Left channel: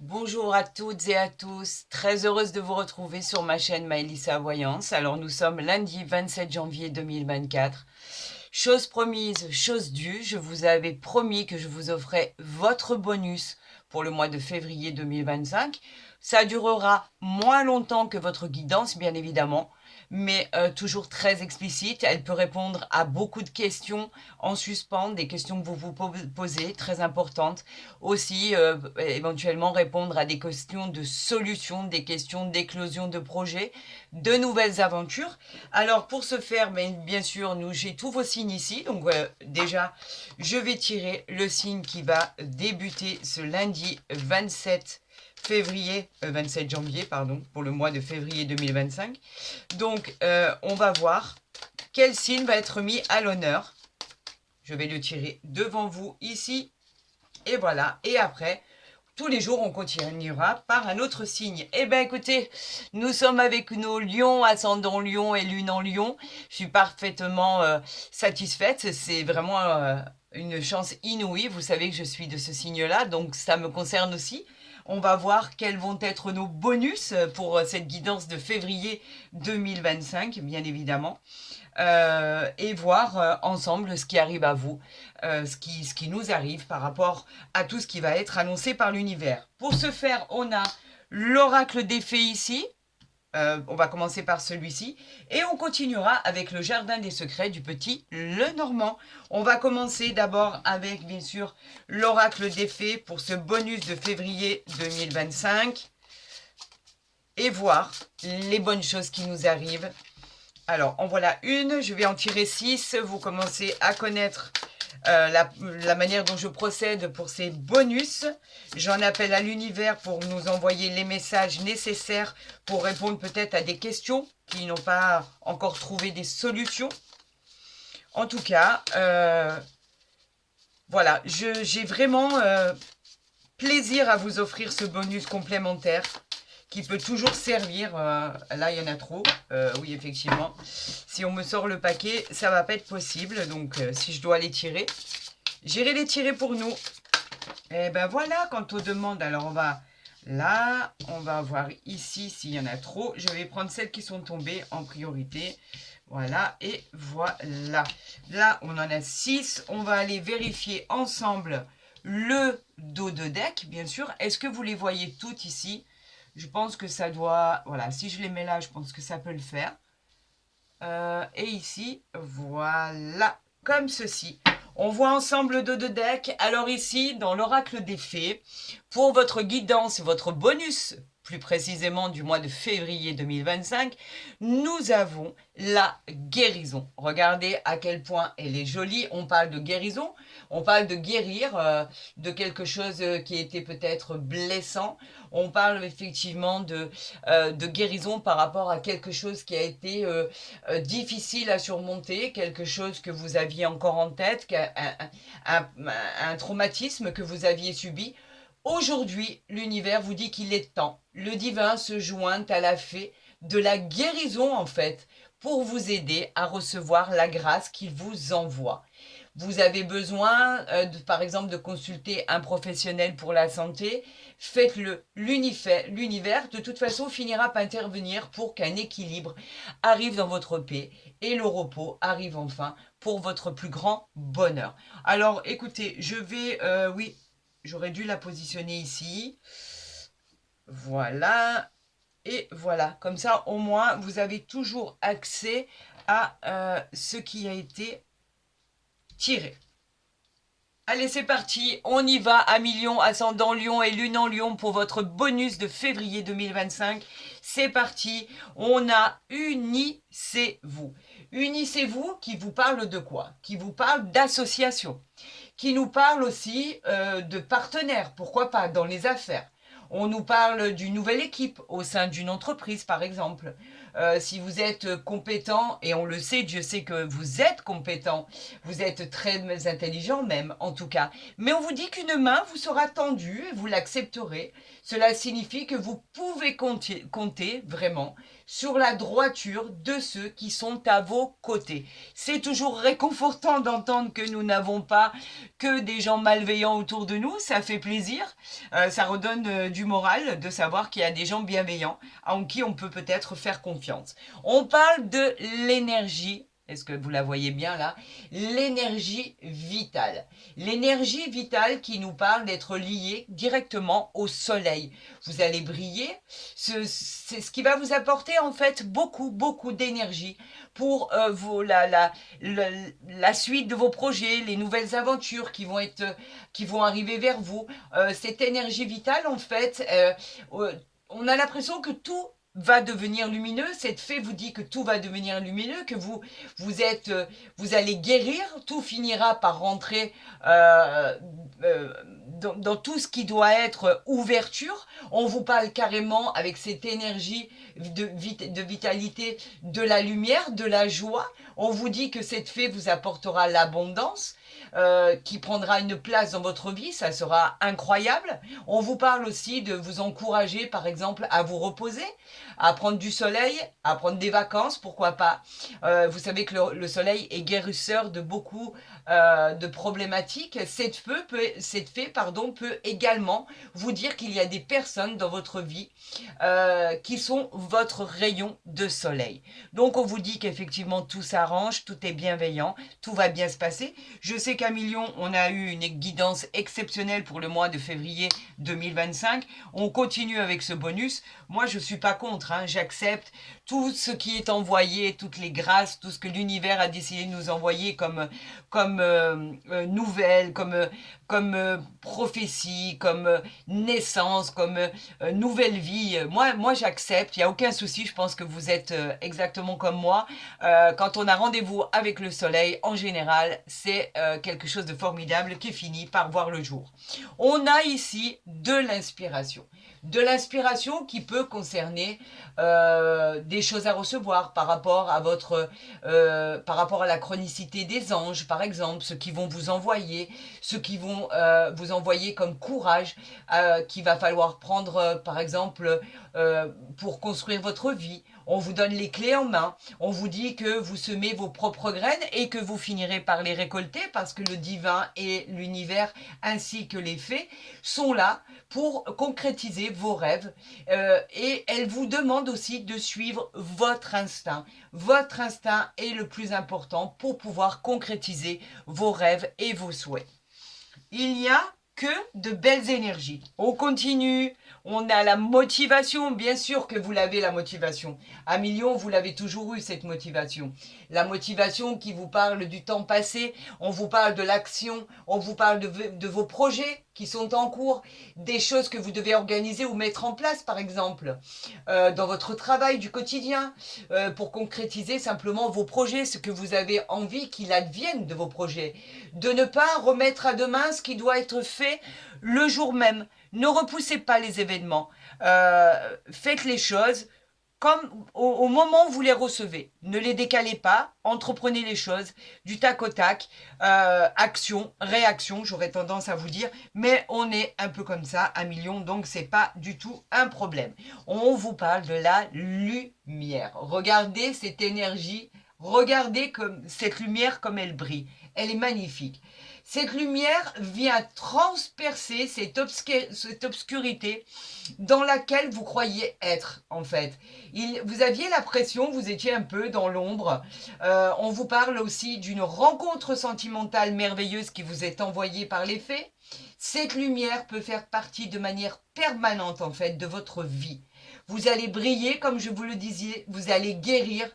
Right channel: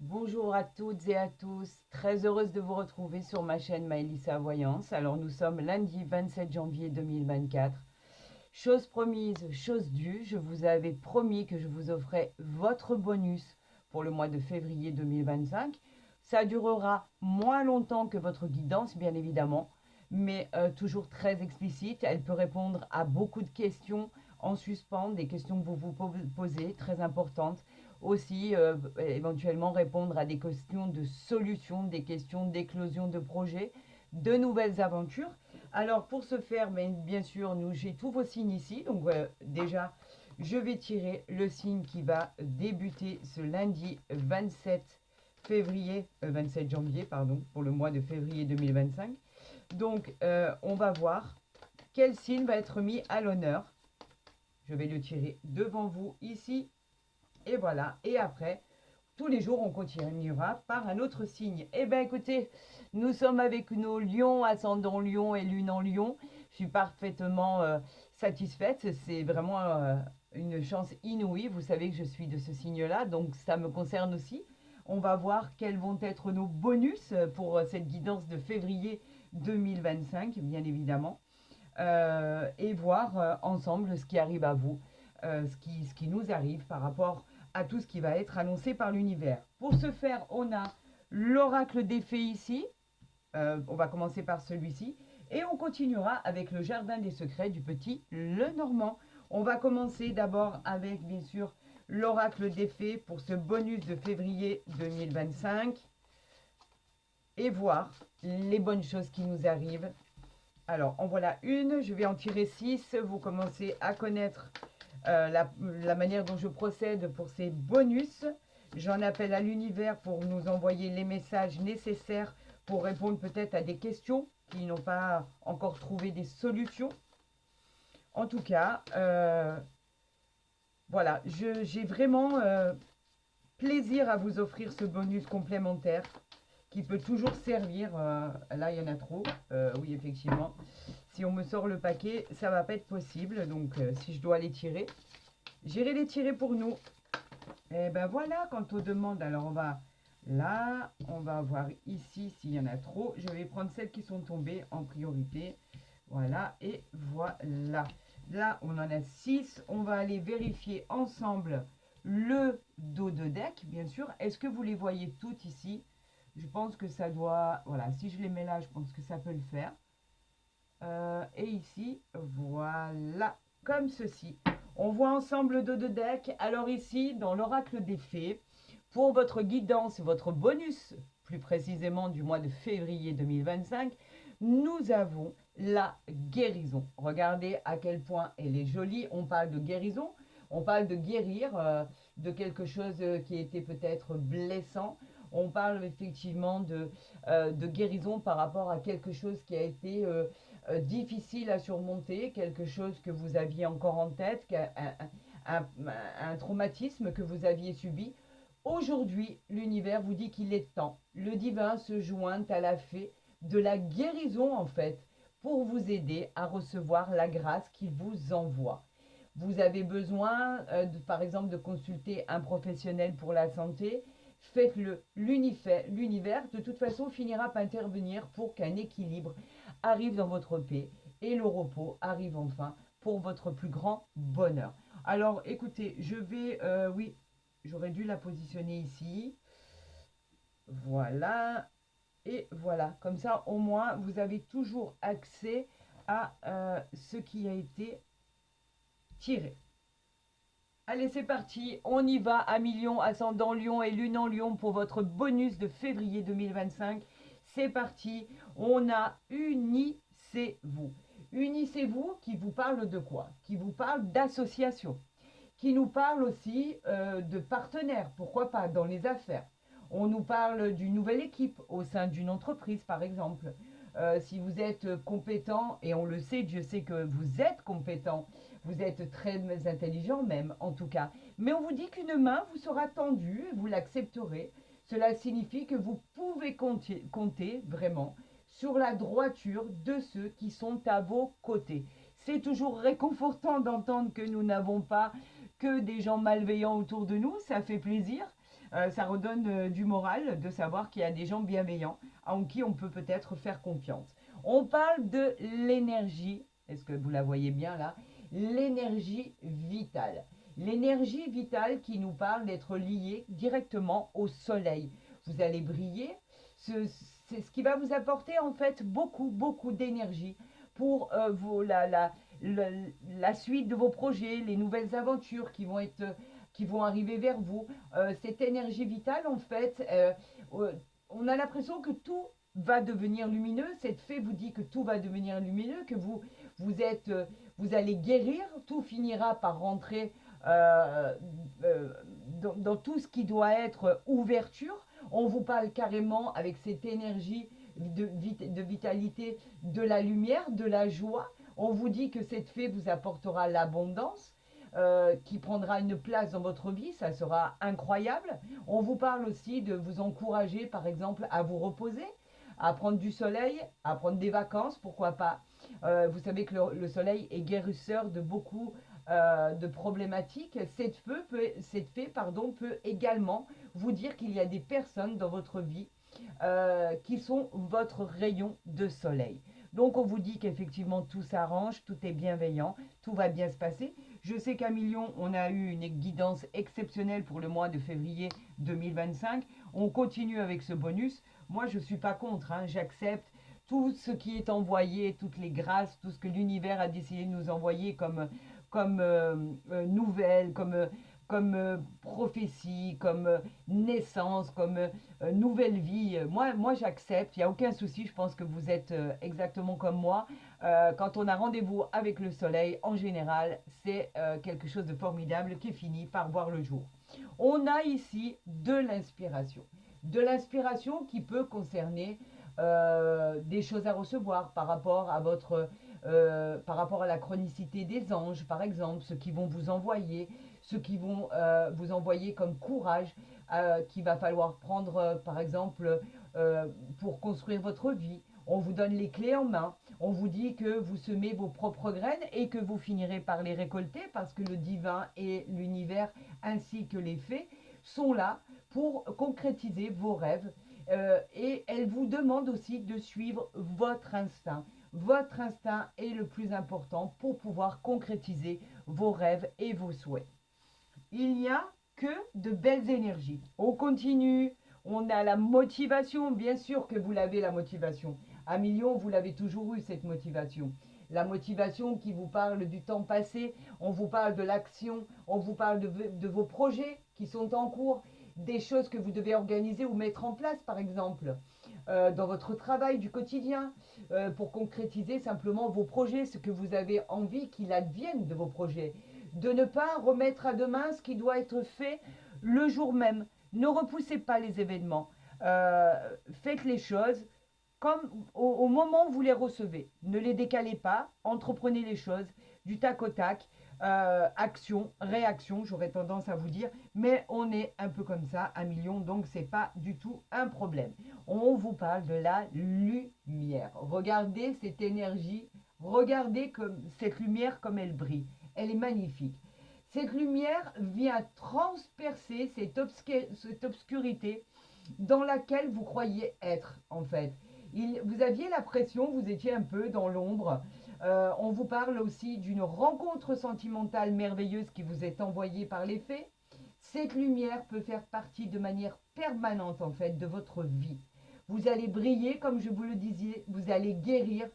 Bonjour à toutes et à tous, très heureuse de vous retrouver sur ma chaîne Maëlissa Voyance. Alors nous sommes lundi 27 janvier 2024. Chose promise, chose due, je vous avais promis que je vous offrais votre bonus pour le mois de février 2025. Ça durera moins longtemps que votre guidance, bien évidemment, mais toujours très explicite. Elle peut répondre à beaucoup de questions en suspens, des questions que vous vous posez, très importantes. Aussi, éventuellement répondre à des questions de solutions, des questions d'éclosion de projets, de nouvelles aventures. Alors, pour ce faire, bien sûr, j'ai tous vos signes ici. Donc, déjà, je vais tirer le signe qui va débuter ce lundi 27 janvier, pardon, pour le mois de février 2025. Donc, on va voir quel signe va être mis à l'honneur. Je vais le tirer devant vous ici. Et voilà. Et après, tous les jours, on continuera par un autre signe. Eh bien, écoutez, nous sommes avec nos lions, ascendant lion et lune en lion. Je suis parfaitement satisfaite. C'est vraiment une chance inouïe. Vous savez que je suis de ce signe-là, donc ça me concerne aussi. On va voir quels vont être nos bonus pour cette guidance de février 2025, bien évidemment. Et voir ensemble ce qui arrive à vous, ce qui nous arrive par rapport à tout ce qui va être annoncé par l'univers. Pour ce faire, on a l'oracle des fées ici. On va commencer par celui-ci et on continuera avec le jardin des secrets du petit Lenormand. On va commencer d'abord avec bien sûr l'oracle des fées pour ce bonus de février 2025 et voir les bonnes choses qui nous arrivent. Alors, en voilà une, je vais en tirer 6. Vous commencez à connaître la manière dont je procède pour ces bonus. J'en appelle à l'univers pour nous envoyer les messages nécessaires pour répondre peut-être à des questions qui n'ont pas encore trouvé des solutions. En tout cas, voilà, j'ai vraiment plaisir à vous offrir ce bonus complémentaire qui peut toujours servir. Là, il y en a trop. Oui, effectivement. Si on me sort le paquet, ça va pas être possible. Donc, si je dois les tirer, j'irai les tirer pour nous. Et ben voilà, quant aux demandes, alors on va là, on va voir ici s'il y en a trop. Je vais prendre celles qui sont tombées en priorité. Voilà, et voilà. Là, on en a 6. On va aller vérifier ensemble le dos de deck, bien sûr. Est-ce que vous les voyez toutes ici? Je pense que ça doit... Voilà, si je les mets là, je pense que ça peut le faire. Et ici, voilà, comme ceci. On voit ensemble le dos de deck. Alors ici, dans l'oracle des fées, pour votre guidance, votre bonus, plus précisément du mois de février 2025, nous avons la guérison. Regardez à quel point elle est jolie. On parle de guérison, on parle de guérir de quelque chose qui était peut-être blessant. On parle effectivement de guérison par rapport à quelque chose qui a été difficile à surmonter, quelque chose que vous aviez encore en tête, un traumatisme que vous aviez subi. Aujourd'hui, l'univers vous dit qu'il est temps. Le divin se joint à la fée de la guérison, en fait, pour vous aider à recevoir la grâce qu'il vous envoie. Vous avez besoin, par exemple, de consulter un professionnel pour la santé. Faites-le. L'univers, de toute façon, finira par intervenir pour qu'un équilibre arrive dans votre paix et le repos arrive enfin pour votre plus grand bonheur. Alors, écoutez, je vais... oui, j'aurais dû la positionner ici. Voilà. Et voilà. Comme ça, au moins, vous avez toujours accès à ce qui a été tiré. Allez, c'est parti, on y va à million, ascendant lion et lune en lion pour votre bonus de février 2025. C'est parti, on a Unissez-vous. Unissez-vous qui vous parle de quoi? Qui vous parle d'association, qui nous parle aussi de partenaires, pourquoi pas, dans les affaires. On nous parle d'une nouvelle équipe au sein d'une entreprise, par exemple. Si vous êtes compétent, et on le sait, Dieu sait que vous êtes compétent, vous êtes très intelligent même, en tout cas. Mais on vous dit qu'une main vous sera tendue et vous l'accepterez. Cela signifie que vous pouvez compter vraiment sur la droiture de ceux qui sont à vos côtés. C'est toujours réconfortant d'entendre que nous n'avons pas que des gens malveillants autour de nous, ça fait plaisir, ça redonne du moral de savoir qu'il y a des gens bienveillants en qui on peut peut-être faire confiance. On parle de l'énergie. Est-ce que vous la voyez bien là? L'énergie vitale. L'énergie vitale qui nous parle d'être liée directement au soleil. Vous allez briller, c'est ce qui va vous apporter en fait beaucoup d'énergie pour la suite de vos projets, les nouvelles aventures qui vont arriver vers vous. Cette énergie vitale en fait, on a l'impression que tout va devenir lumineux. Cette fée vous dit que tout va devenir lumineux, que vous allez guérir, tout finira par rentrer dans tout ce qui doit être ouverture. On vous parle carrément avec cette énergie de vitalité, de la lumière, de la joie. On vous dit que cette fée vous apportera l'abondance. Qui prendra une place dans votre vie, ça sera incroyable. On vous parle aussi de vous encourager, par exemple, à vous reposer, à prendre du soleil, à prendre des vacances, pourquoi pas. Vous savez que le soleil est guérisseur de beaucoup de problématiques. Cette fée peut également vous dire qu'il y a des personnes dans votre vie qui sont votre rayon de soleil. Donc on vous dit qu'effectivement tout s'arrange, tout est bienveillant, tout va bien se passer. Je sais qu'à Million, on a eu une guidance exceptionnelle pour le mois de février 2025. On continue avec ce bonus. Moi, je ne suis pas contre, hein. J'accepte tout ce qui est envoyé, toutes les grâces, tout ce que l'univers a décidé de nous envoyer comme nouvelles, comme prophétie, comme naissance, comme nouvelle vie. Moi j'accepte, il n'y a aucun souci, je pense que vous êtes exactement comme moi. Quand on a rendez-vous avec le soleil, en général, c'est quelque chose de formidable qui finit par voir le jour. On a ici de l'inspiration. De l'inspiration qui peut concerner des choses à recevoir par rapport à la chronicité des anges, par exemple, ceux qui vont vous envoyer, ceux qui vont vous envoyer comme courage qu'il va falloir prendre, par exemple, pour construire votre vie. On vous donne les clés en main, on vous dit que vous semez vos propres graines et que vous finirez par les récolter parce que le divin et l'univers ainsi que les fées sont là pour concrétiser vos rêves et elle vous demande aussi de suivre votre instinct. Votre instinct est le plus important pour pouvoir concrétiser vos rêves et vos souhaits. Il n'y a que de belles énergies. On continue. On a la motivation, bien sûr que vous l'avez la motivation. À Million, vous l'avez toujours eu cette motivation. La motivation qui vous parle du temps passé, on vous parle de l'action, on vous parle de vos projets qui sont en cours, des choses que vous devez organiser ou mettre en place par exemple, dans votre travail du quotidien, pour concrétiser simplement vos projets, ce que vous avez envie qu'il advienne de vos projets. De ne pas remettre à demain ce qui doit être fait le jour même. Ne repoussez pas les événements. Faites les choses comme au moment où vous les recevez. Ne les décalez pas. Entreprenez les choses du tac au tac. Action, réaction, j'aurais tendance à vous dire. Mais on est un peu comme ça à Million, donc c'est pas du tout un problème. On vous parle de la lumière. Regardez cette énergie. Regardez cette lumière comme elle brille. Elle est magnifique. Cette lumière vient transpercer cette obscurité dans laquelle vous croyez être, en fait. Vous aviez l'impression, vous étiez un peu dans l'ombre. On vous parle aussi d'une rencontre sentimentale merveilleuse qui vous est envoyée par les fées. Cette lumière peut faire partie de manière permanente, en fait, de votre vie. Vous allez briller, comme je vous le disais, vous allez guérir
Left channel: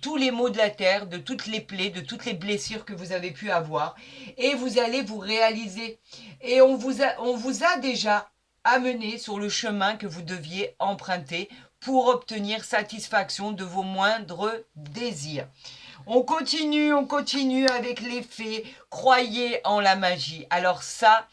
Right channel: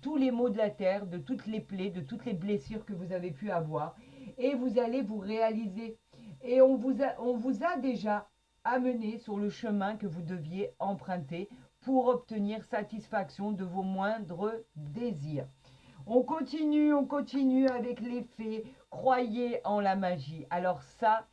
tous les maux de la terre, de toutes les plaies, de toutes les blessures que vous avez pu avoir. Et vous allez vous réaliser. Et on vous a déjà amené sur le chemin que vous deviez emprunter pour obtenir satisfaction de vos moindres désirs. On continue avec les fées. Croyez en la magie. Alors ça,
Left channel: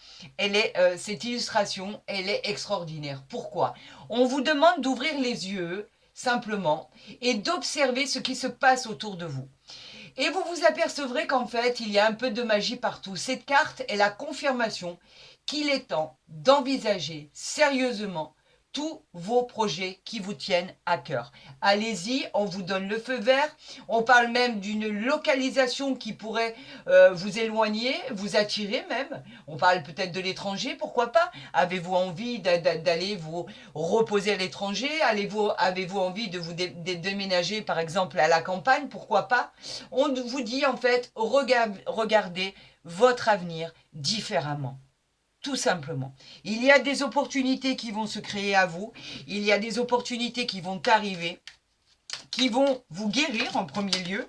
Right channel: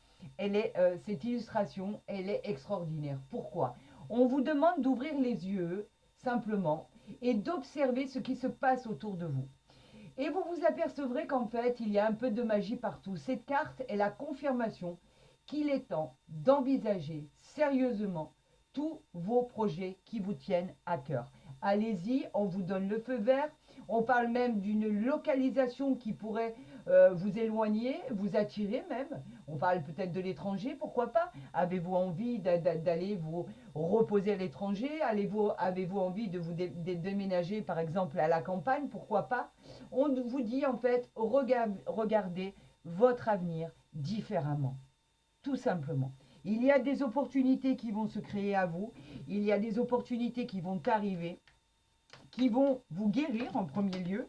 cette illustration, elle est extraordinaire. Pourquoi? On vous demande d'ouvrir les yeux, simplement, et d'observer ce qui se passe autour de vous. Et vous vous apercevrez qu'en fait, il y a un peu de magie partout. Cette carte est la confirmation qu'il est temps d'envisager sérieusement tous vos projets qui vous tiennent à cœur. Allez-y, on vous donne le feu vert. On parle même d'une localisation qui pourrait vous éloigner, vous attirer même. On parle peut-être de l'étranger, pourquoi pas? Avez-vous envie d'aller vous reposer à l'étranger? Avez-vous envie de vous déménager par exemple à la campagne? Pourquoi pas? On vous dit en fait, regardez votre avenir différemment. Tout simplement. Il y a des opportunités qui vont se créer à vous. Il y a des opportunités qui vont arriver, qui vont vous guérir en premier lieu.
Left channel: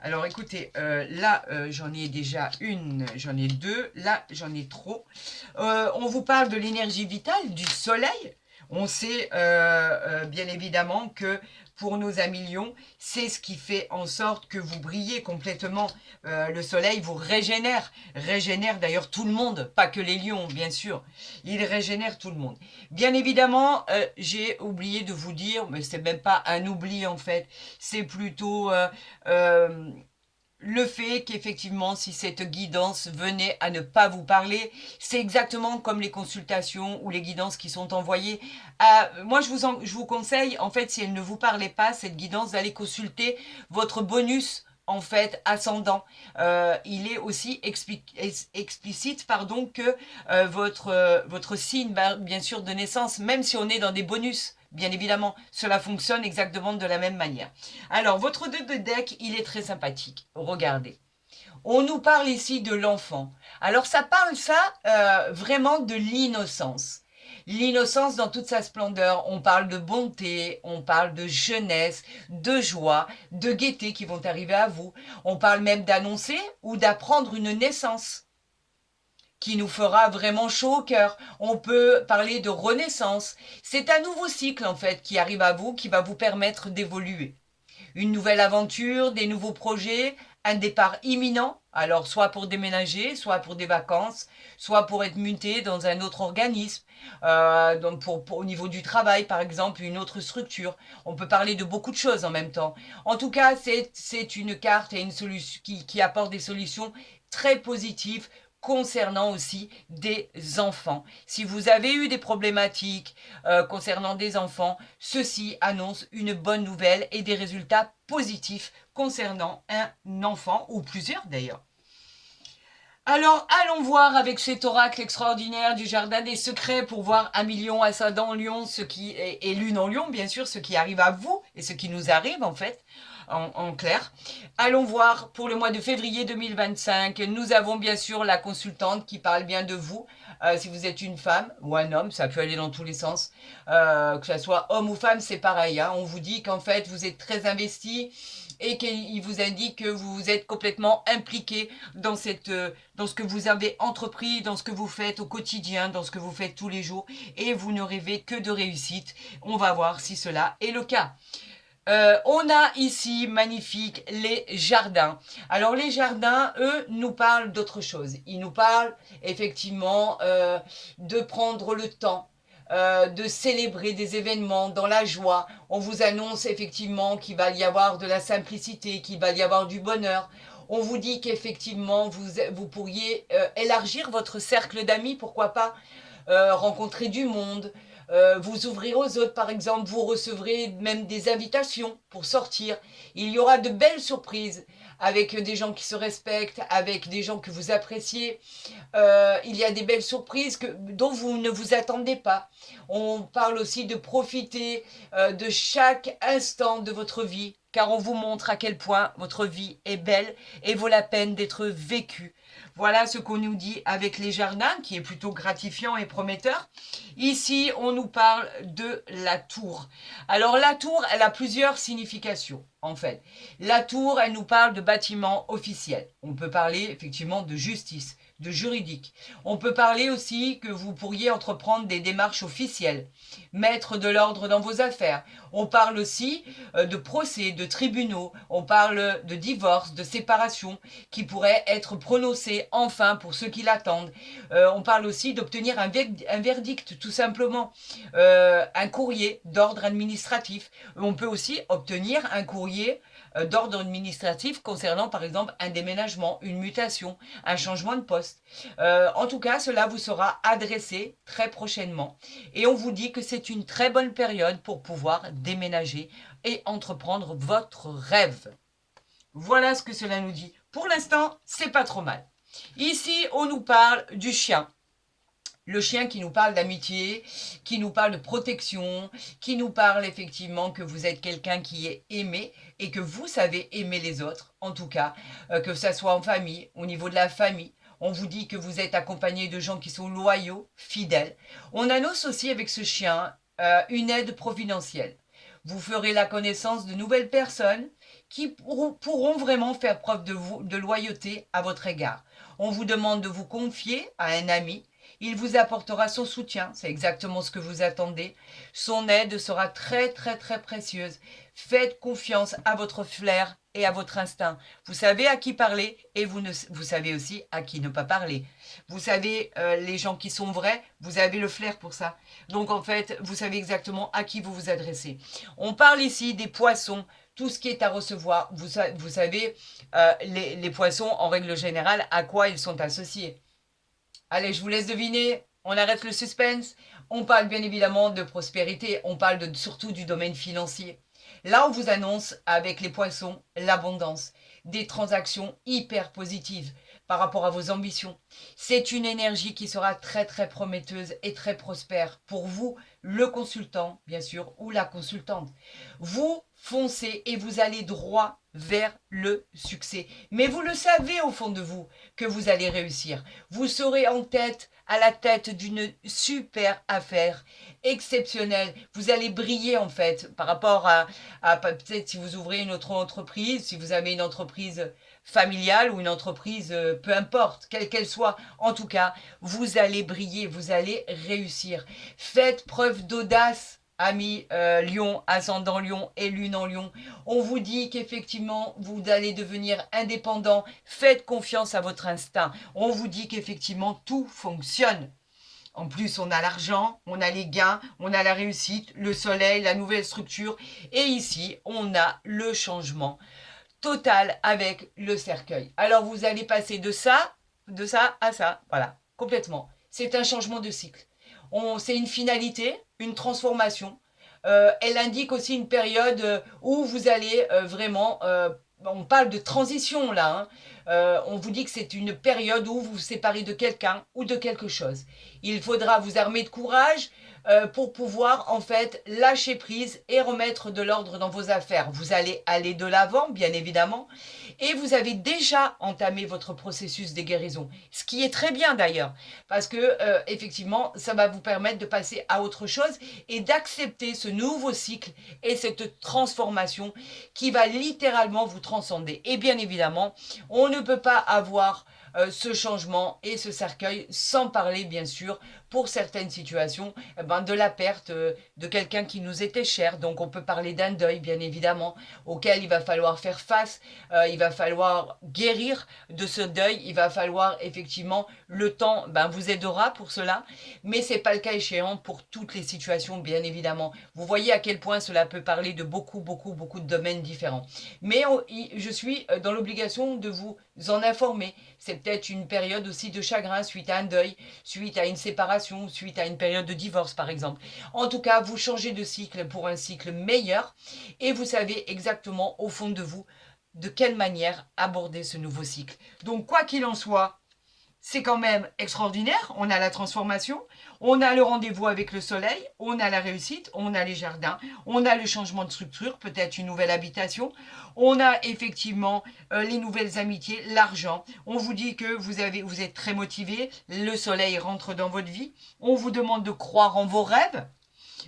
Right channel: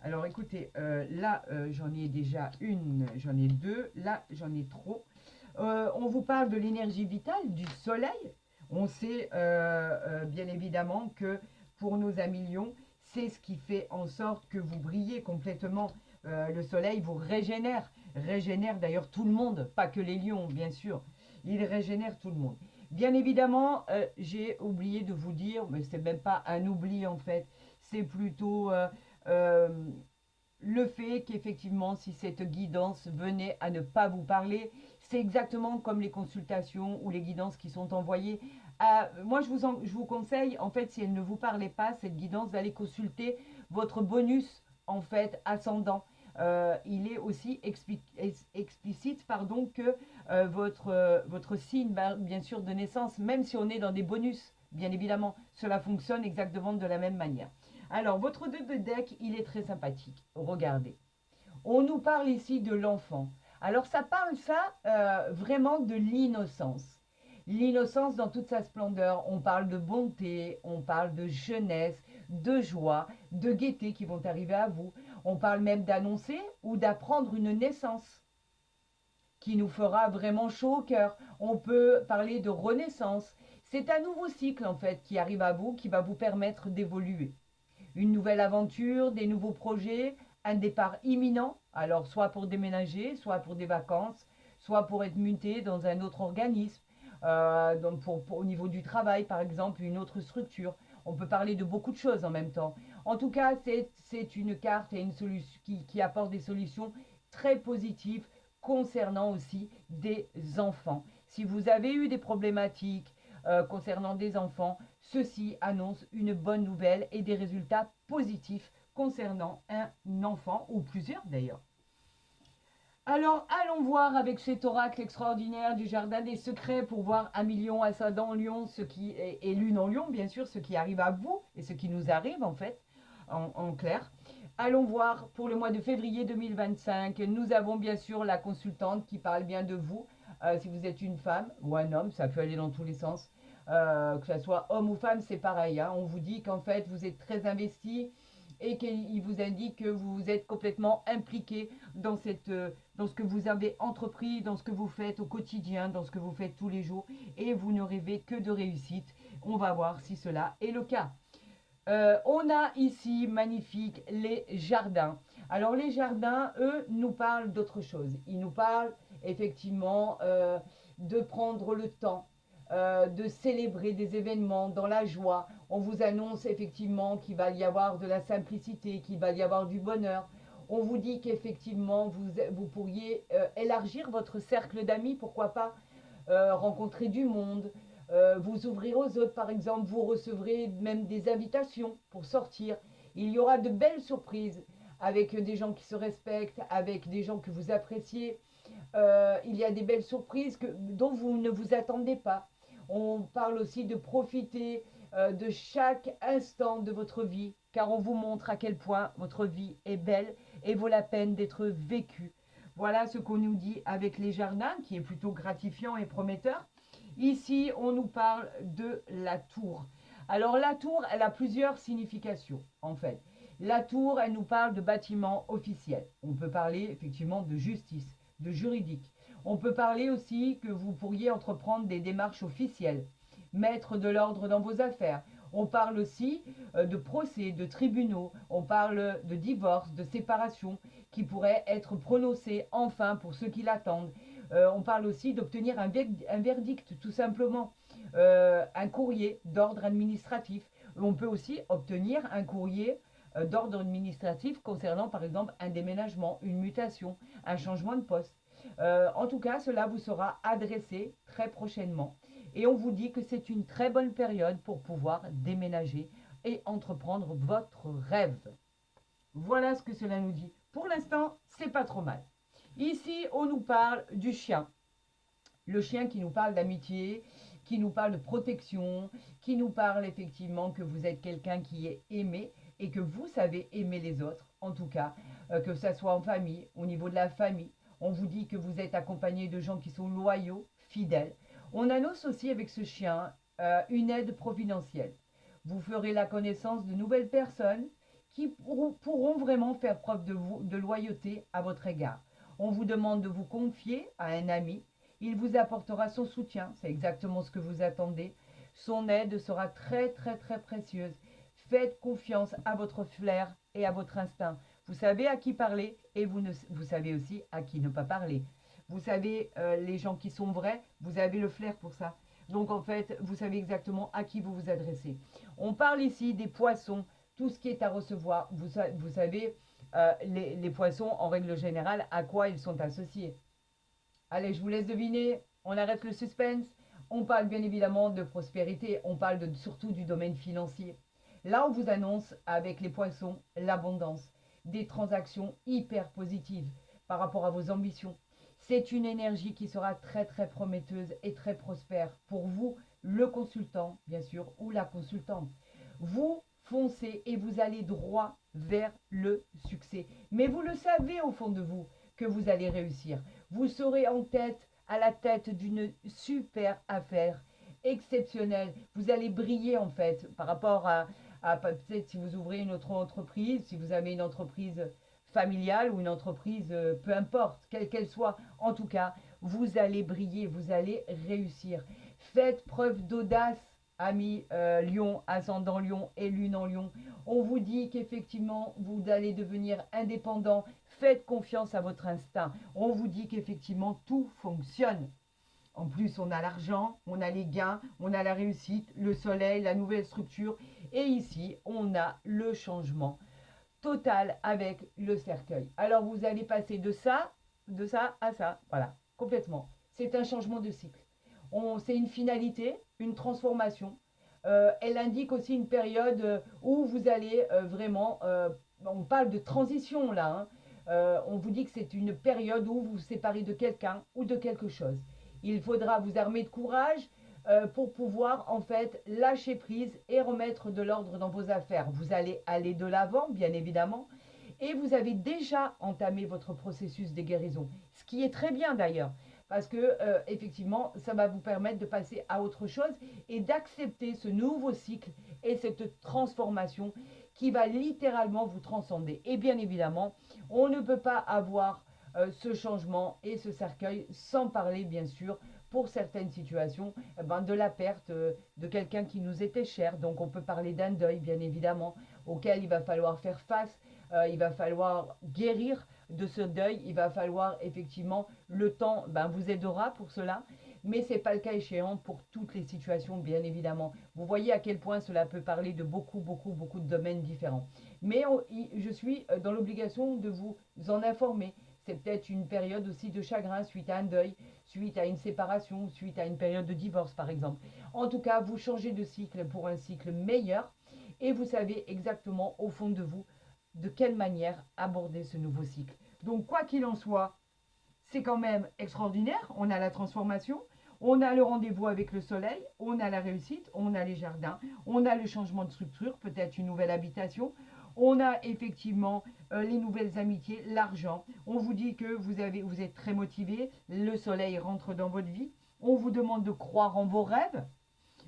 Alors écoutez, là j'en ai déjà une, j'en ai deux, là j'en ai trop. On vous parle de l'énergie vitale, du soleil. On sait bien évidemment que pour nos amis lions, c'est ce qui fait en sorte que vous brillez complètement. Le soleil vous régénère d'ailleurs tout le monde, pas que les lions bien sûr, il régénère tout le monde. Bien évidemment, j'ai oublié de vous dire, mais c'est même pas un oubli en fait, c'est plutôt le fait qu'effectivement, si cette guidance venait à ne pas vous parler, c'est exactement comme les consultations ou les guidances qui sont envoyées. Moi, je vous conseille, en fait, si elle ne vous parlait pas, cette guidance, d'aller consulter votre bonus en fait ascendant. Il est aussi explicite que votre signe, bien sûr, de naissance, même si on est dans des bonus, bien évidemment, cela fonctionne exactement de la même manière. Alors, votre 2 de deck, il est très sympathique. Regardez. On nous parle ici de l'enfant. Alors, ça parle, vraiment de l'innocence. L'innocence dans toute sa splendeur. On parle de bonté, on parle de jeunesse, de joie, de gaieté qui vont arriver à vous. On parle même d'annoncer ou d'apprendre une naissance qui nous fera vraiment chaud au cœur. On peut parler de renaissance. C'est un nouveau cycle en fait qui arrive à vous, qui va vous permettre d'évoluer. Une nouvelle aventure, des nouveaux projets, un départ imminent, alors soit pour déménager, soit pour des vacances, soit pour être muté dans un autre organisme, donc au niveau du travail par exemple, une autre structure. On peut parler de beaucoup de choses en même temps. En tout cas, c'est une carte et une solution qui apporte des solutions très positives concernant aussi des enfants. Si vous avez eu des problématiques concernant des enfants, ceci annonce une bonne nouvelle et des résultats positifs concernant un enfant ou plusieurs d'ailleurs. Alors, allons voir avec cet oracle extraordinaire du jardin des secrets pour voir un million ascendant lion, ce qui est lune en lion, bien sûr, ce qui arrive à vous et ce qui nous arrive en fait. En clair. Allons voir pour le mois de février 2025. Nous avons bien sûr la consultante qui parle bien de vous. Si vous êtes une femme ou un homme, ça peut aller dans tous les sens. Que ce soit homme ou femme, c'est pareil. Hein. On vous dit qu'en fait, vous êtes très investi et qu'il vous indique que vous êtes complètement impliqué dans ce que vous avez entrepris, dans ce que vous faites au quotidien, dans ce que vous faites tous les jours. Et vous ne rêvez que de réussite. On va voir si cela est le cas. On a ici, magnifique, les jardins. Alors les jardins, eux, nous parlent d'autre chose. Ils nous parlent effectivement de prendre le temps, de célébrer des événements dans la joie. On vous annonce effectivement qu'il va y avoir de la simplicité, qu'il va y avoir du bonheur. On vous dit qu'effectivement, vous pourriez élargir votre cercle d'amis, pourquoi pas, rencontrer du monde, vous ouvrir aux autres par exemple, vous recevrez même des invitations pour sortir. Il y aura de belles surprises avec des gens qui se respectent, avec des gens que vous appréciez. Il y a des belles surprises dont vous ne vous attendez pas. On parle aussi de profiter de chaque instant de votre vie, car on vous montre à quel point votre vie est belle et vaut la peine d'être vécue. Voilà ce qu'on nous dit avec les jardins, qui est plutôt gratifiant et prometteur. Ici, on nous parle de la tour. Alors la tour, elle a plusieurs significations, en fait. La tour, elle nous parle de bâtiment officiel. On peut parler effectivement de justice, de juridique. On peut parler aussi que vous pourriez entreprendre des démarches officielles, mettre de l'ordre dans vos affaires. On parle aussi de procès, de tribunaux. On parle de divorce, de séparation qui pourraient être prononcés enfin pour ceux qui l'attendent. On parle aussi d'obtenir un verdict, tout simplement. Un courrier d'ordre administratif. On peut aussi obtenir un courrier d'ordre administratif concernant par exemple un déménagement, une mutation, un changement de poste. En tout cas, cela vous sera adressé très prochainement. Et on vous dit que c'est une très bonne période pour pouvoir déménager et entreprendre votre rêve. Voilà ce que cela nous dit. Pour l'instant, c'est pas trop mal. Ici, on nous parle du chien. Le chien qui nous parle d'amitié, qui nous parle de protection, qui nous parle effectivement que vous êtes quelqu'un qui est aimé et que vous savez aimer les autres, en tout cas, que ça soit en famille, au niveau de la famille. On vous dit que vous êtes accompagné de gens qui sont loyaux, fidèles. On annonce aussi avec ce chien une aide providentielle. Vous ferez la connaissance de nouvelles personnes qui pourront vraiment faire preuve de loyauté à votre égard. On vous demande de vous confier à un ami. Il vous apportera son soutien, c'est exactement ce que vous attendez. Son aide sera très très très précieuse. Faites confiance à votre flair et à votre instinct. Vous savez à qui parler et vous savez aussi à qui ne pas parler. Vous savez, les gens qui sont vrais, vous avez le flair pour ça. Donc en fait, vous savez exactement à qui vous vous adressez. On parle ici des poissons, tout ce qui est à recevoir. Vous savez, les poissons, en règle générale, à quoi ils sont associés. Allez, je vous laisse deviner, on arrête le suspense. On parle bien évidemment de prospérité, on parle surtout du domaine financier. Là, on vous annonce avec les poissons l'abondance, des transactions hyper positives par rapport à vos ambitions. C'est une énergie qui sera très très prometteuse et très prospère pour vous, le consultant bien sûr, ou la consultante. Vous foncez et vous allez droit vers le succès. Mais vous le savez au fond de vous que vous allez réussir. Vous serez à la tête d'une super affaire exceptionnelle. Vous allez briller en fait par rapport à peut-être si vous ouvrez une autre entreprise, si vous avez une entreprise familiale ou une entreprise, peu importe, quelle qu'elle soit. En tout cas, vous allez briller, vous allez réussir. Faites preuve d'audace. Amis Lion, ascendant Lion et lune en Lion, on vous dit qu'effectivement vous allez devenir indépendant, faites confiance à votre instinct, on vous dit qu'effectivement tout fonctionne. En plus, on a l'argent, on a les gains, on a la réussite, le soleil, la nouvelle structure. Et ici, on a le changement total avec le cercueil. Alors, vous allez passer de ça à ça. Voilà, complètement. C'est un changement de cycle. C'est une finalité, une transformation. Elle indique aussi une période où vous allez vraiment... on parle de transition là. Hein. On vous dit que c'est une période où vous vous séparez de quelqu'un ou de quelque chose. Il faudra vous armer de courage pour pouvoir en fait lâcher prise et remettre de l'ordre dans vos affaires. Vous allez aller de l'avant, bien évidemment, et vous avez déjà entamé votre processus de guérison, ce qui est très bien d'ailleurs, parce que effectivement, ça va vous permettre de passer à autre chose et d'accepter ce nouveau cycle et cette transformation qui va littéralement vous transcender. Et bien évidemment, on ne peut pas avoir ce changement et ce cercueil sans parler bien sûr pour certaines situations de la perte de quelqu'un qui nous était cher. Donc on peut parler d'un deuil bien évidemment auquel il va falloir faire face, il va falloir guérir de ce deuil, il va falloir effectivement le temps vous aidera pour cela, mais c'est pas le cas échéant pour toutes les situations bien évidemment. Vous voyez à quel point cela peut parler de beaucoup de domaines différents. Mais je suis dans l'obligation de vous en informer. C'est peut-être une période aussi de chagrin suite à un deuil, suite à une séparation, suite à une période de divorce par exemple. En tout cas, vous changez de cycle pour un cycle meilleur et vous savez exactement au fond de vous de quelle manière aborder ce nouveau cycle. Donc quoi qu'il en soit, c'est quand même extraordinaire. On a la transformation, on a le rendez-vous avec le soleil, on a la réussite, on a les jardins, on a le changement de structure, peut-être une nouvelle habitation, on a effectivement les nouvelles amitiés, l'argent. On vous dit que vous êtes très motivé, le soleil rentre dans votre vie, on vous demande de croire en vos rêves.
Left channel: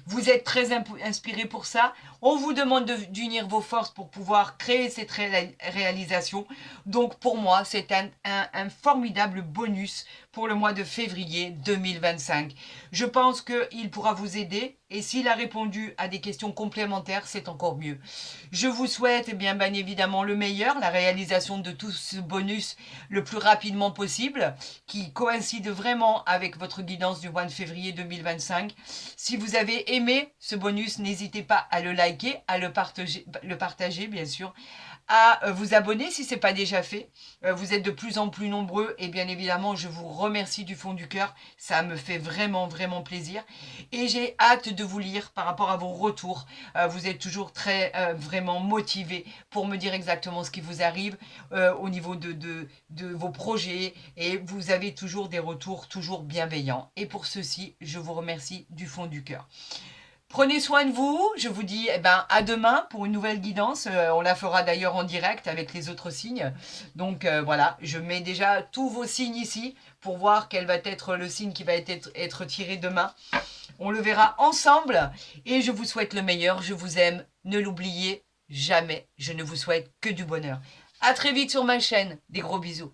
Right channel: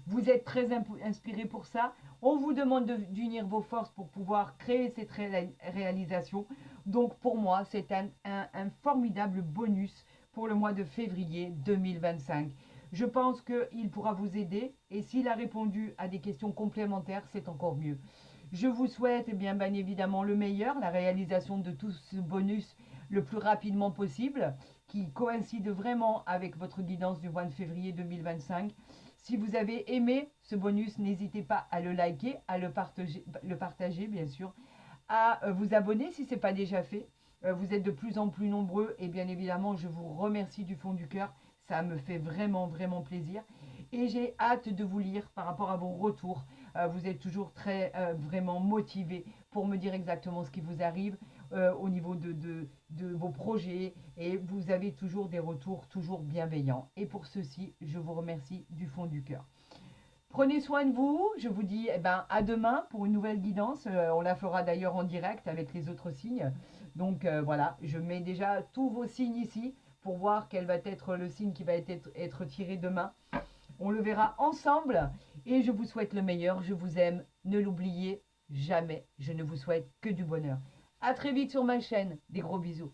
Vous êtes très inspiré pour ça. On vous demande d'unir vos forces pour pouvoir créer cette réalisation. Donc pour moi, c'est un formidable bonus pour le mois de février 2025. Je pense qu'il pourra vous aider et s'il a répondu à des questions complémentaires, c'est encore mieux. Je vous souhaite bien évidemment le meilleur, la réalisation de tout ce bonus le plus rapidement possible, qui coïncide vraiment avec votre guidance du mois de février 2025. Si vous avez aimé ce bonus, n'hésitez pas à le liker, à le partager bien sûr, à vous abonner si ce n'est pas déjà fait. Vous êtes de plus en plus nombreux et bien évidemment, je vous remercie du fond du cœur. Ça me fait vraiment, vraiment plaisir. Et j'ai hâte de vous lire par rapport à vos retours. Vous êtes toujours très, vraiment motivés pour me dire exactement ce qui vous arrive au niveau de vos projets. Et vous avez toujours des retours toujours bienveillants. Et pour ceci, je vous remercie du fond du cœur. Prenez soin de vous. Je vous dis à demain pour une nouvelle guidance. On la fera d'ailleurs en direct avec les autres signes. Donc voilà, je mets déjà tous vos signes ici pour voir quel va être le signe qui va être tiré demain. On le verra ensemble et je vous souhaite le meilleur. Je vous aime. Ne l'oubliez jamais. Je ne vous souhaite que du bonheur. À très vite sur ma chaîne. Des gros bisous.